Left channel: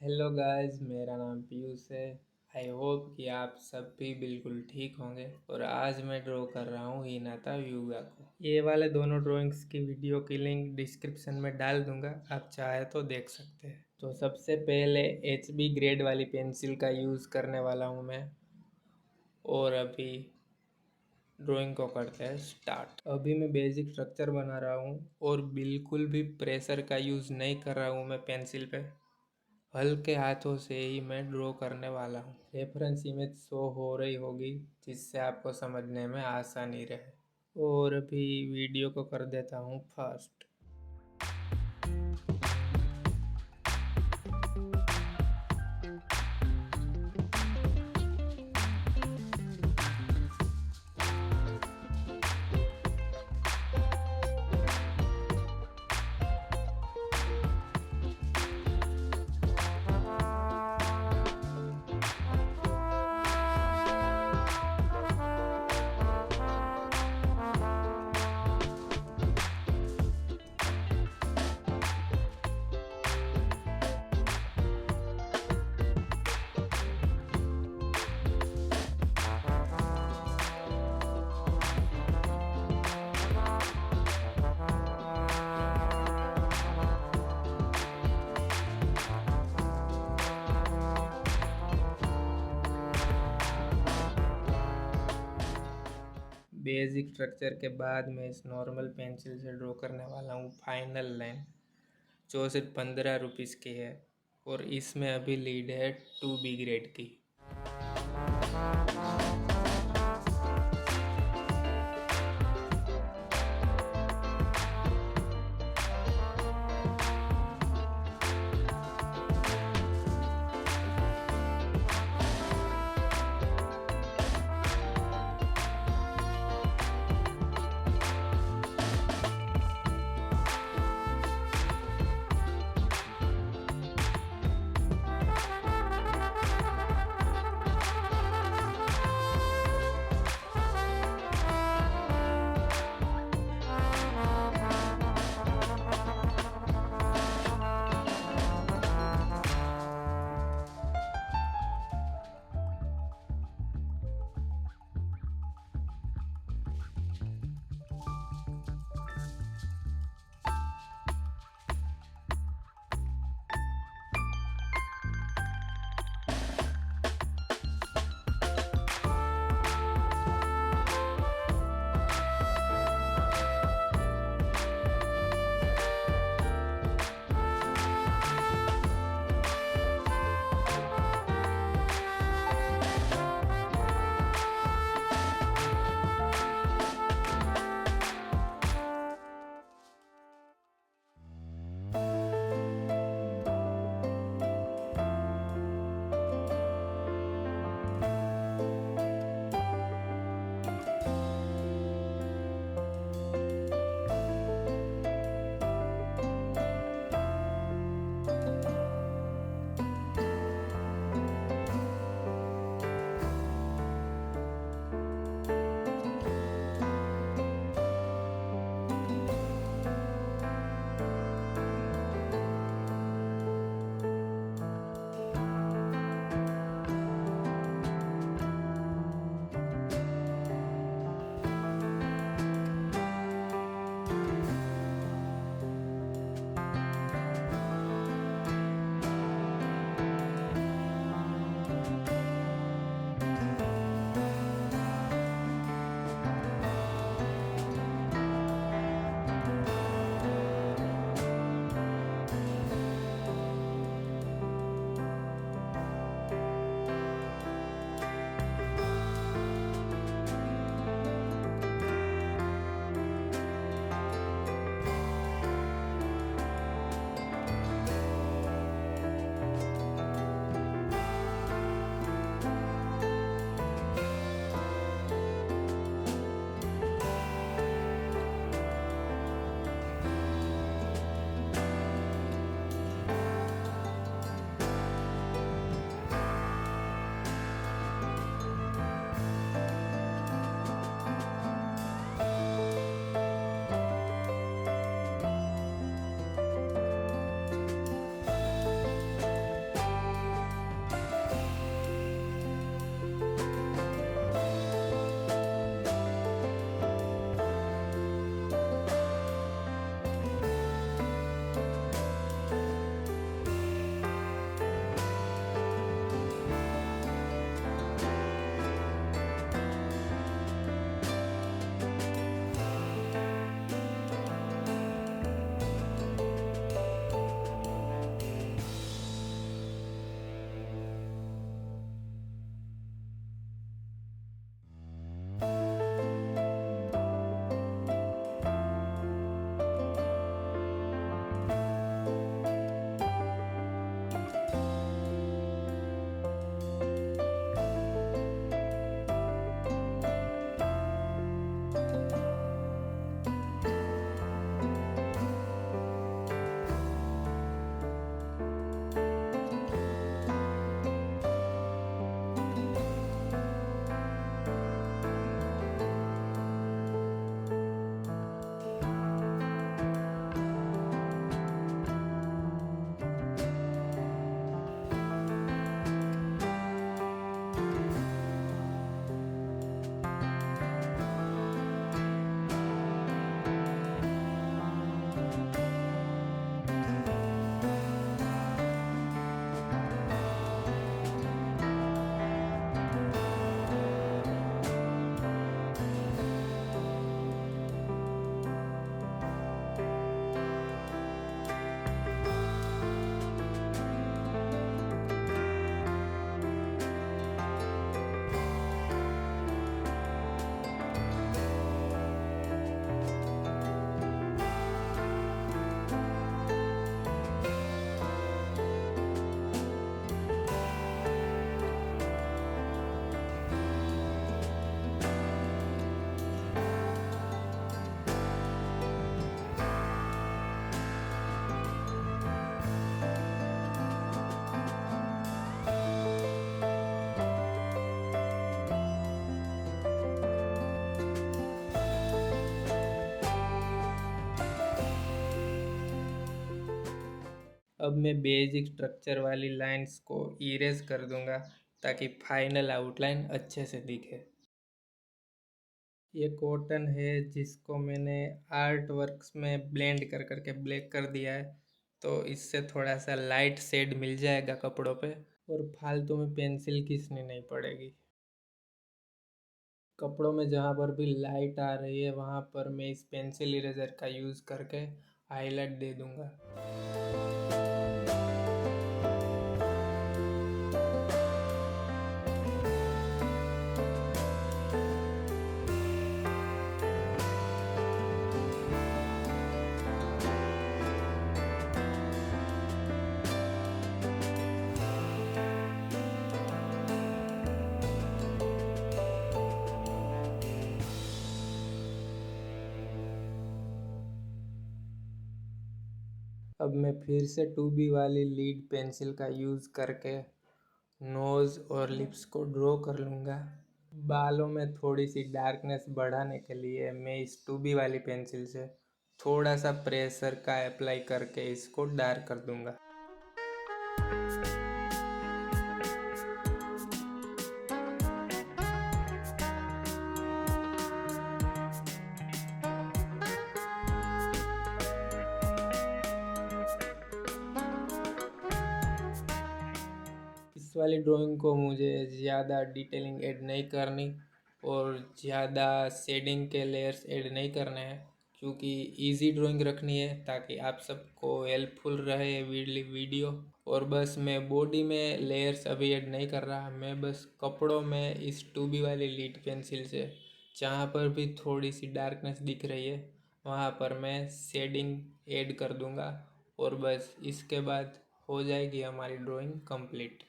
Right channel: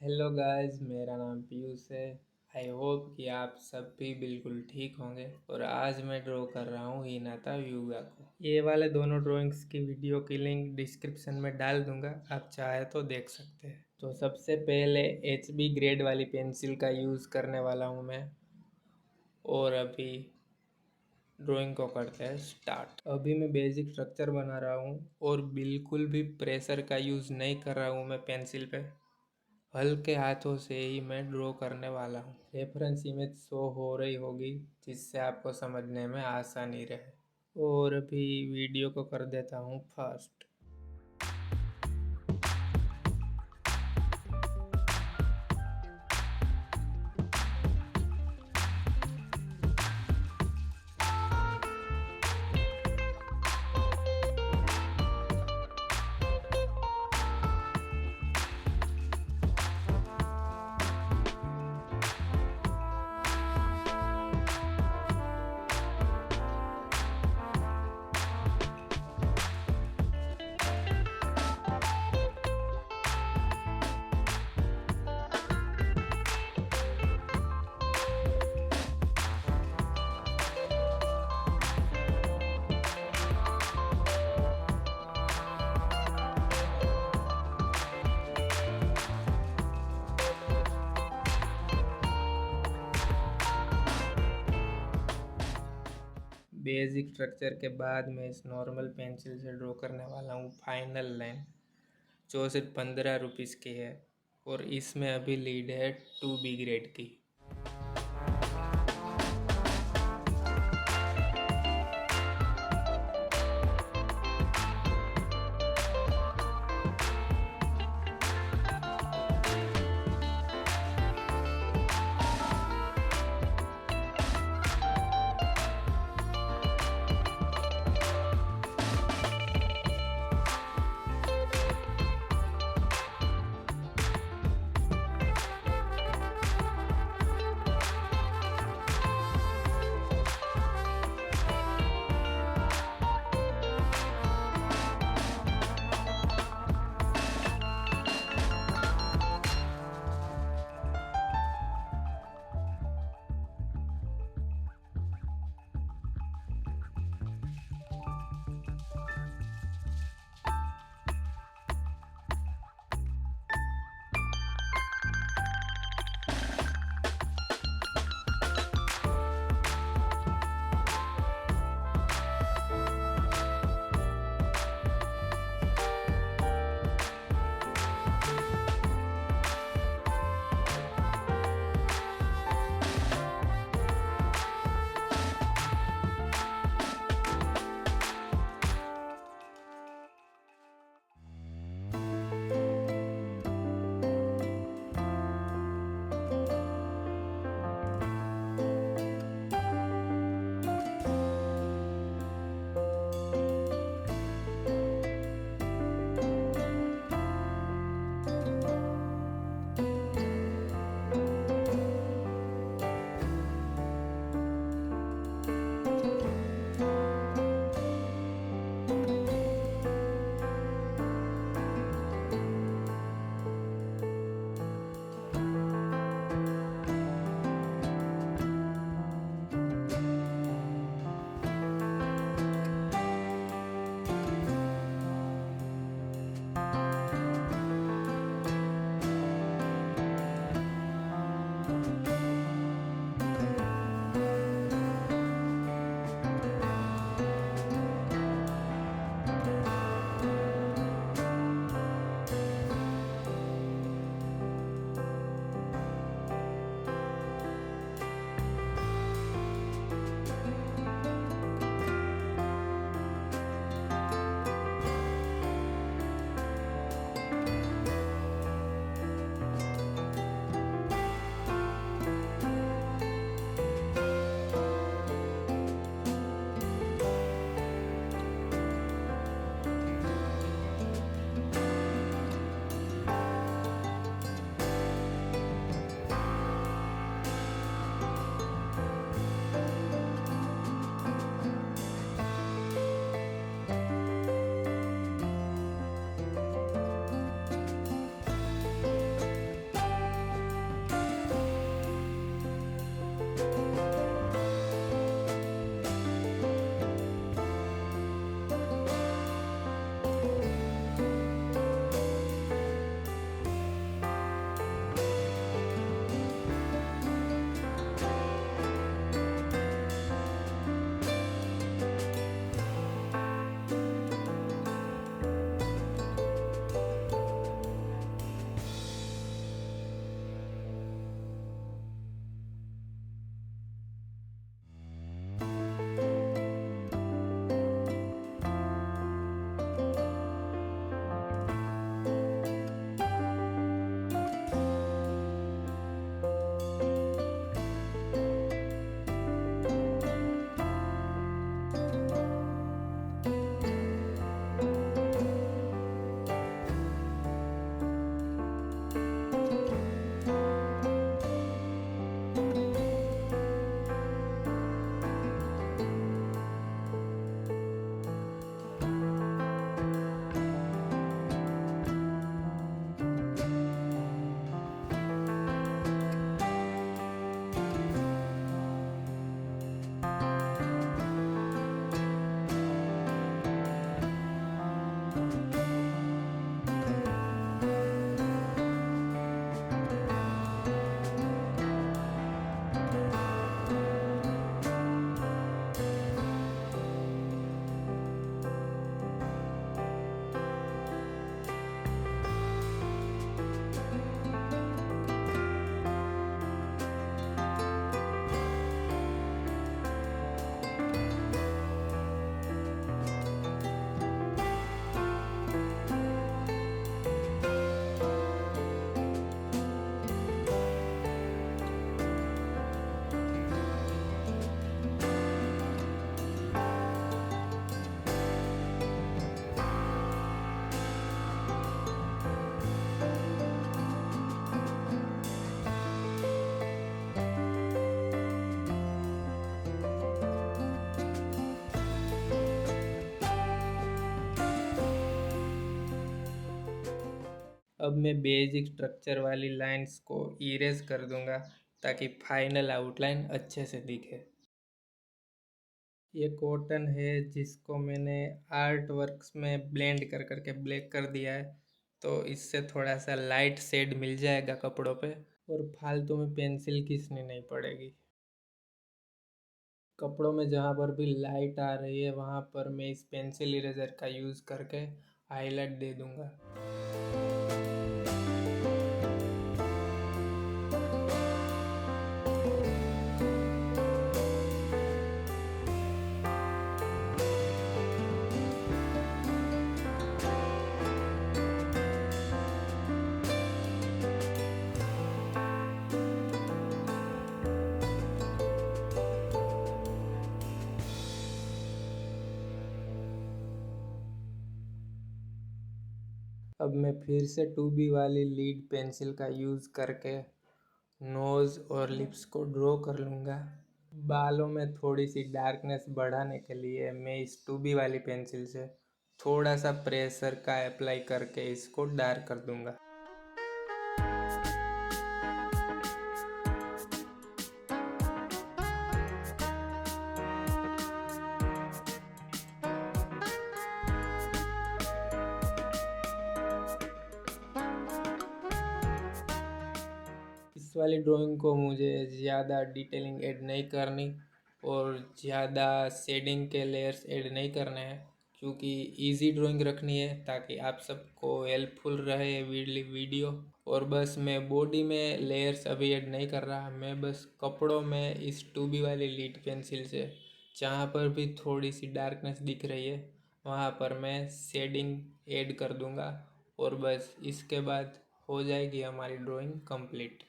Hello guys, मेरा नाम पीयूष है। आई होप कि आप सब भी बिल्कुल ठीक होंगे। और आज मैं ड्रॉ कर रहा हूँ हिनाता hyuga को। ये वाले दोनों ड्राइंग्स की वीडियो की लिंक डिस्क्रिप्शन में डाल दूंगा, आप चाहे तो देख सकते हैं। तो सबसे पहले HB ग्रेड वाली पेंसिल का यूज़ करने वाला हूँ मैं। और अभी ड्राइंग को करते हैं स्टार्ट। अभी मैं बेसिक स्ट्रक्चर बना रहा हूँ और बिल्कुल भी प्रेशर का यूज़ नहीं कर रहा हूँ मैं पेंसिल पे। हल्के हाथों से ही मैं ड्रॉ करने वाला हूँ। रेफरेंस इमेज शो हो रही होगी जिससे आपको समझने में आसानी रहे। और अभी वीडियो को कर देता हूँ फास्ट। बेसिक स्ट्रक्चर के बाद मैं इस नॉर्मल पेंसिल से ड्रॉ करने वाला हूँ फाइनल लाइन, जो सिर्फ 15 रुपीज़ की है। और इसमें अभी लीड है 2B ग्रेड की। अब मैं बेसिक स्ट्रक्चर वाली लाइंस को इरेज कर दूंगा ताकि फाइनल आउटलाइन अच्छे से दिखे। ये कॉटन है जिसको मैंने आर्ट वर्क्स में ब्लेंड कर करके ब्लैक कर दिया है, तो इससे थोड़ा सा लाइट शेड मिल जाएगा कपड़ों पे और फालतू में पेंसिल घिसनी नहीं पड़ेगी। कपड़ों में जहाँ पर भी लाइट आ रही है वहाँ पर मैं इस पेंसिल इरेजर का यूज़ करके हाईलाइट दे दूँगा। अब मैं फिर से 2B वाली लीड पेंसिल का यूज़ करके नोज़ और लिप्स को ड्रॉ कर लूँगा। बालों में थोड़ी सी डार्कनेस बढ़ाने के लिए मैं इस 2B वाली पेंसिल से थोड़ा सा प्रेशर का अप्लाई करके इसको डार्क कर दूँगा। इस वाली ड्राइंग को मुझे ज़्यादा डिटेलिंग ऐड नहीं करनी और ज़्यादा शेडिंग के लेयर्स ऐड नहीं करने हैं, क्योंकि इजी ड्राइंग रखनी है ताकि आप सबको हेल्पफुल रहे वीडियो। और बस मैं बॉडी में लेयर्स अभी ऐड नहीं कर रहा, मैं बस कपड़ों में इस 2B वाली लीड पेंसिल से जहाँ पर भी थोड़ी सी डार्कनेस दिख रही है वहाँ पर मैं शेडिंग ऐड कर दूँगा और बस इसके बाद हो जाएगी हमारी ड्राइंग कंप्लीट।